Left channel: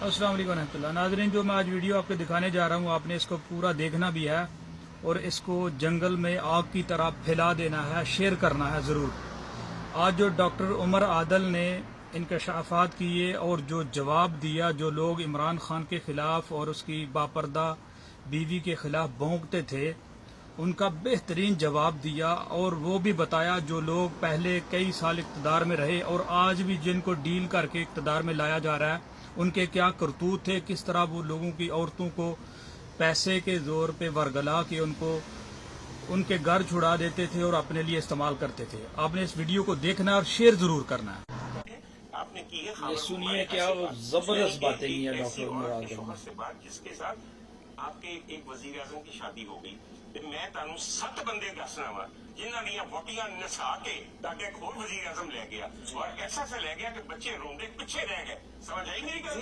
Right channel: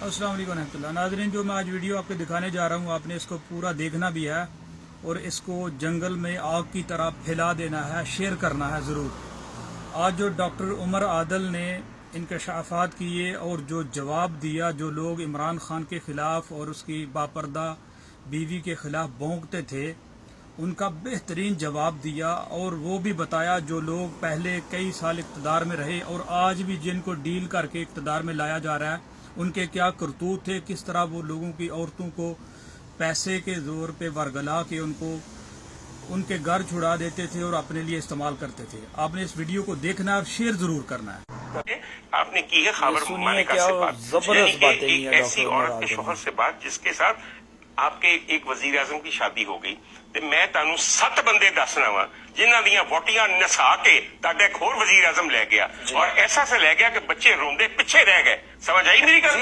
अस्सलाम वालेकुम रहमतुल्लाह। नाज़रीन, जो मैं आज वीडियो आपको दिखाने जा रहा हूँ, आपने इसको पूरा देखना भी है और इसको जंगल में आग की तरह फैला देना है, शेयर करना है ज़रूर। आज जो डॉक्टर उमर आदल ने इंकशाफात किए और जो जवाब दिया, जो लोग इमरान खान के ख़िलाफ़ और उसकी बापर्दा बीवी के ख़िलाफ़ भौंकते थे, उनका बेहतरीन जवाब दिया। और वो भी बताया जो लोग पहले कई साल इक़्तिदार में रहे और आज भी जिनको डील करके इक़्तिदार में लाया जा रहा है, उनके क्या करतूत थे, किस तरह वो लोगों की औरतों को पैसे के ज़ोर पे वरगला के उनको उनके घर छुड़ा देते थे और अपने लिए इस्तेमाल करते थे। आपने इस वीडियो को देखना और शेयर ज़रूर करना है। आपने की है खबर सुनिए क्या जबरदस्त बातें की है ऐसी डॉक्टर औरत उमर के आदल शोहर से बात जिसके साथ आपके एक वजीर आजम की शादी हो गई ਤੇ ਮੈਂ ਤੁਹਾਨੂੰ 7 ਬੰਦੇ ਦੱਸਣਾ ਵਾ ਜਿਨ੍ਹਾਂ ਦੀਆਂ ਵੋਟੀਆਂ ਨਸਾ ਕੇ ਤੁਹਾਡਾ ਇੱਕ ਹੋਰ ਵਜ਼ੀਰ ਆਜ਼ਮ ਲੈ ਗਿਆ और ऐसा से ले गया कि बच्चे रोंदे पीछे रह गए। समझ आई मेरी गल?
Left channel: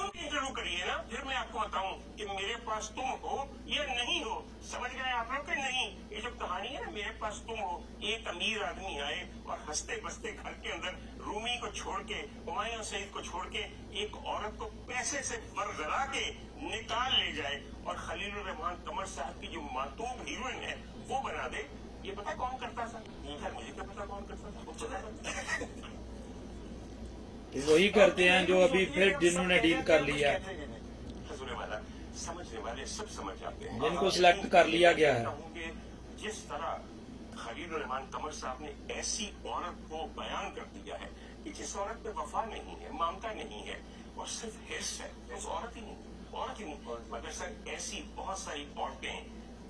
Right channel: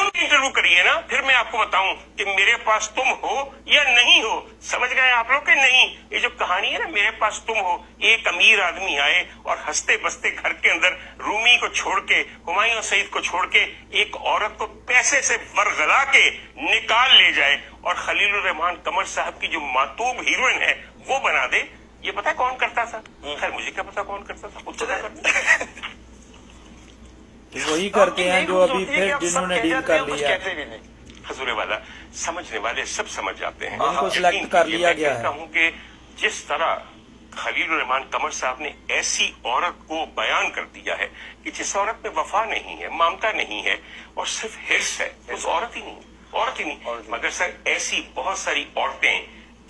उनकी इंटरव्यू करिए ना, फिर मैं आपको बताऊं कि मेरे पास तुम हो या नहीं हो। समझ गए आप लोग कि नहीं? ये जो कहानी है ना, मेरे पास तुम हो, एक अमीर आदमी आए और हंसते बसते घर के अंदर रूमी को छोड़ के, हुमायूं सईद को छोड़ के एक औरत को पैसे से वरगला के निकाल ले जाए और खलीलुर रहमान कमर साहब की जो मातूब हीरोइन है वो बना दे। ये पता है कौन करता था? खैर मुझे क्या पता कौन करता था, खुद पता करता। वही करते हैं जो अभी फिर जिन्होंने डील कर लिया। हजूरे वाला समझने वाले सब समझ जाते हैं। इनको सिलेक्ट कर लिया गया है। हूँ कि जिस तरह खलीलुर रहमान कमर साहब ने ऐसी औरत को बयान कर दिया है कि जिस औरत में वफा नहीं है, ममता नहीं है और सिर्फ हिर्स है, उस औरत ही नहीं। मगर सर ऐसी बहुत सारी औरतें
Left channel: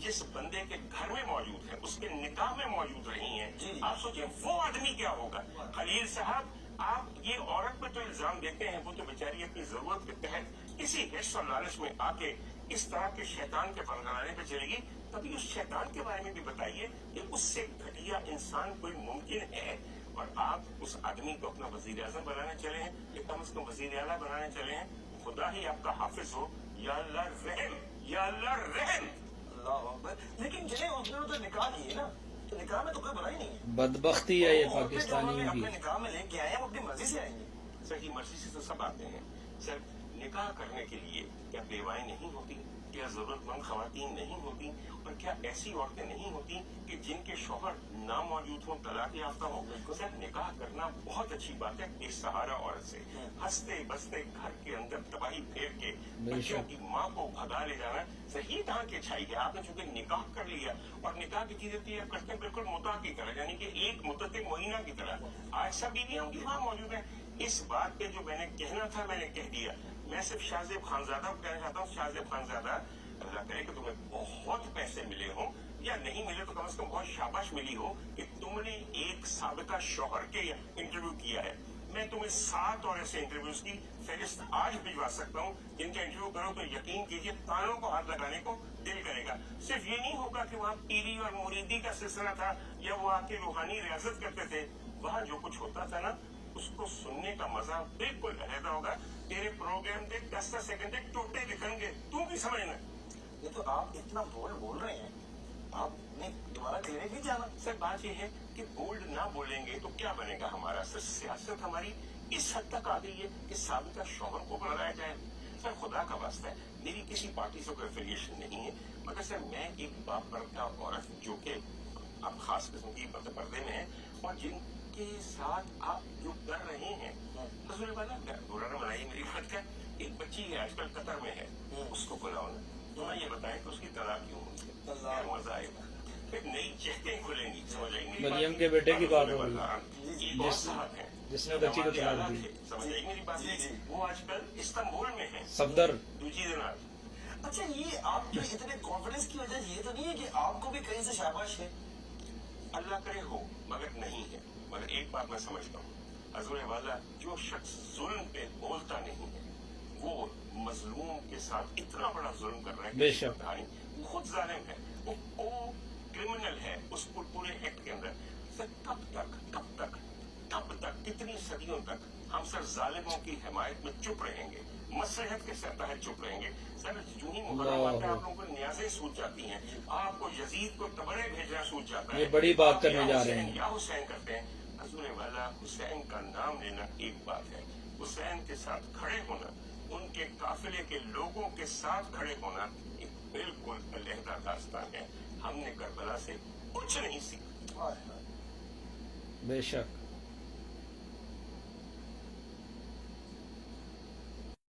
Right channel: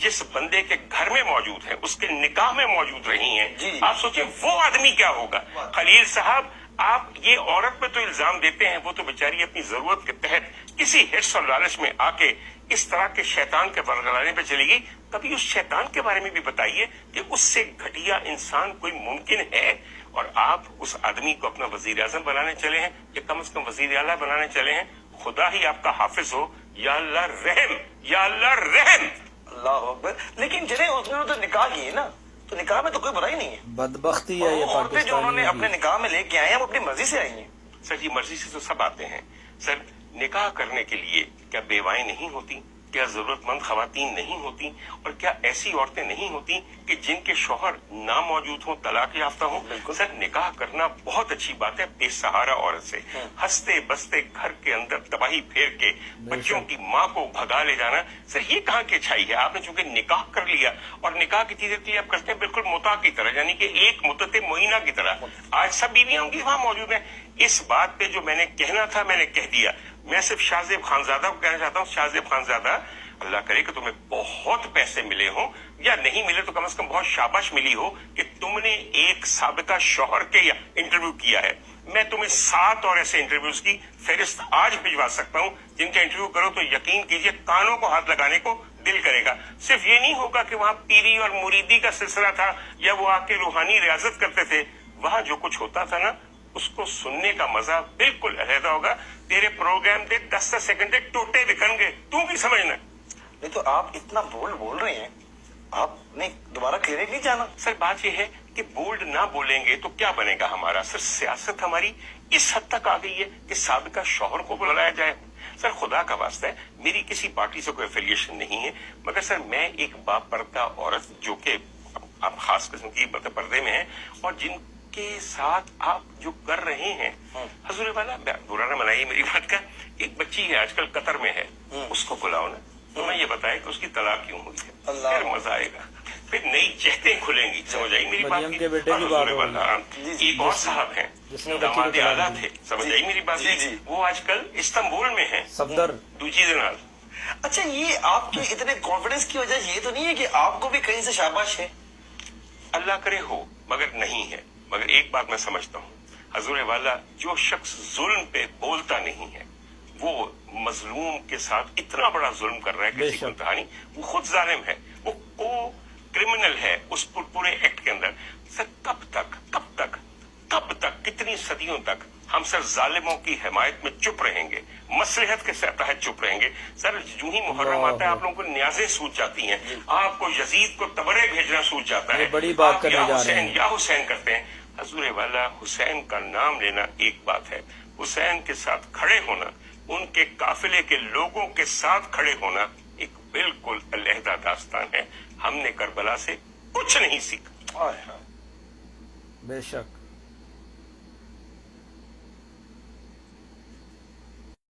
जिस बंदे के घर में मौजूद हैं, उसके निकाह में मौजूद रही हैं, आप सोचें वो आदमी क्या होगा। खलील साहब, आप ये औरत पे तो इल्जाम देते हैं, वो तो बेचारी अपनी जरूरत के तहत किसी हिर्स और लालच में आके इस तरह के शैतान के वरगलाने पे चली गई। कभी उस शैतान के बारे में भी बताइए कि उससे घटिया इंसान कोई मुमकिन है। और आप उस आदमी को अपना वजीर आजम बनाने चले हैं या कम से कम वजीर आला बनाने चले हैं। खुदा ही आपका हाफिज हो। या अल्लाह रहम, या अल्लाह रहम। अल्लाह अकबर। लेकिन जिन्हें उसने तो निकाह की है ना, तो निकाह में तो कोई बुराई नहीं है। बदबख्ती है ये औरतें जो उन्होंने अपने पाकिस्तानी। निकाह में लेके आए हैं वो अपनी मर्जी से आई हैं। सर ये मर्जी से तो सब आते हैं। सर निकाह करने के लिए क्या बेवाएं नहीं होती? क्या जरूरतमंद खवातीन नहीं होती? और क्या ऐसी औरतें नहीं होती कि जिनके शौहर ना मौजूद हो, तलाक याफ्ता हो? सर निकाह करना बहुत अच्छी बात है बेसहारा औरत से। हंसते बसते घर के अंदर तबाही फेर के बच्चों की माँ को भगा ले जाना, सर ये कहाँ की अच्छाई है? आपने चूंकि निकाह कर लिया और निकाह की चीजें आप करते हैं बिल्कुल मुता की तरह, यानी कि एक मुद्दत महीना की तरह। आज सब बीवियां उनकी वहां मौजूद हैं। इस बात पे जो मैंने कहना था मैंने कह दिया। मैं सिर्फ शाहजेब खानजादा को कहना चाहता हूँ, शाहजेब खानजादा, अल्लाह करे कि तुम्हें बहुत पैसे मिले हो या नहीं मिले तो कम से कम बहुत शाबाश मिली हो कि तुमने एक साबिका शौहर के इंटरव्यू किया है। मैं तुम्हें 7 और ऐसे इंटरव्यूज की फहरिस्त आज भिजवा सकता हूँ जिनका इंटरव्यू करो तो यकीन कीजिए कानों को हाथ लगाने को दिल करेगा। सिर्फ ये नहीं होगा कि वहाँ पीरी और मुरीदी का सिलसिला था या वो आके रूहानी रियाजत करते थे। वहाँ जो कुछ होता था ना, उसको सुनने का मजा बिल्कुल अलग होगा। तेरे प्रोग्राम दे 10 सेकंड टोटे दिखणगे, तू की समझना। नहीं तो आप इतना बोल्ड बोल रहे हैं, आपने दोबारा क्लिनिक नहीं जाना? सर बात यह है कि बोल्ड ना बोलेंगे तो क्या बनेगा हमारा? सर सियासत हमारी इस हद तक आ गई है कि साबिका शौहर को बुलाया जाए। सर खुदा का वास्ता है, मेरी किसी पार्टी से कोई एफिलिएशन नहीं है, मगर सर मैं एक बापर्दा औरत जो कि आप खास किस्म की पर्दे में है और जिनके साथ आप जो कर रहे हैं, हजूर वाला बुरा ना मनाइए मेरी बात का, एक बच्ची है आजकल कतर में है, उसको बुलाओ ना, तो मैं ये बताया कि उसकी तलाक क्यों हुई है, फिर मजा आएगा, फिर नई चहतें खुलेंगी। समझ आई मेरी बात? मरियम के बेटे की बात हो एक और साहब हैं जिसने बच्ची को दामाद तलाक आला दी। थे, समझ आई मेरी बात? वो आजकल इस्तांबुल में है, सफदर। दूजी दिनाल। अच्छा, ये आपके इतने कॉन्फिडेंस की वजह ये तो नहीं है कि आपको भी कहीं से शाबाश है? अल्लाह करे हो, मगर नहीं है। मगर एक बात मैं समझता हूँ, हजूर वाला, जो शख्स जुल्म पे बोलता नहीं है वो मजलूम के साथ इतना बड़ा जुल्म कर रहा है किसी को कहानी, वो खुद जालिम है, वो को क्रिमिनल है उस पूरे एक्ट के अंदर। सर कब तक कितनी सदियों तक हम सर जालिमों की हिमायत में चुप रहेंगे, मसलहत के तहत चुप रहेंगे? सर जूं ही मुहर्रम आता है आप लोगों को न्याजें सूझ जाती हैं, आपको यजीद को तबरे भेजना सूझ जाता है, बड़ी बात करने जा रहे हैं। या हुसैन करते हैं। हजूर वाला, हुसैन का नाम लेना एक बात है, हुसैन के साथ खड़े होना, उनकी के काफिले के लोगों के साथ खड़े होना एक बिल्कुल अलहदा दास्तान है। हमने करबला से कुछ नहीं सीखा। बेशक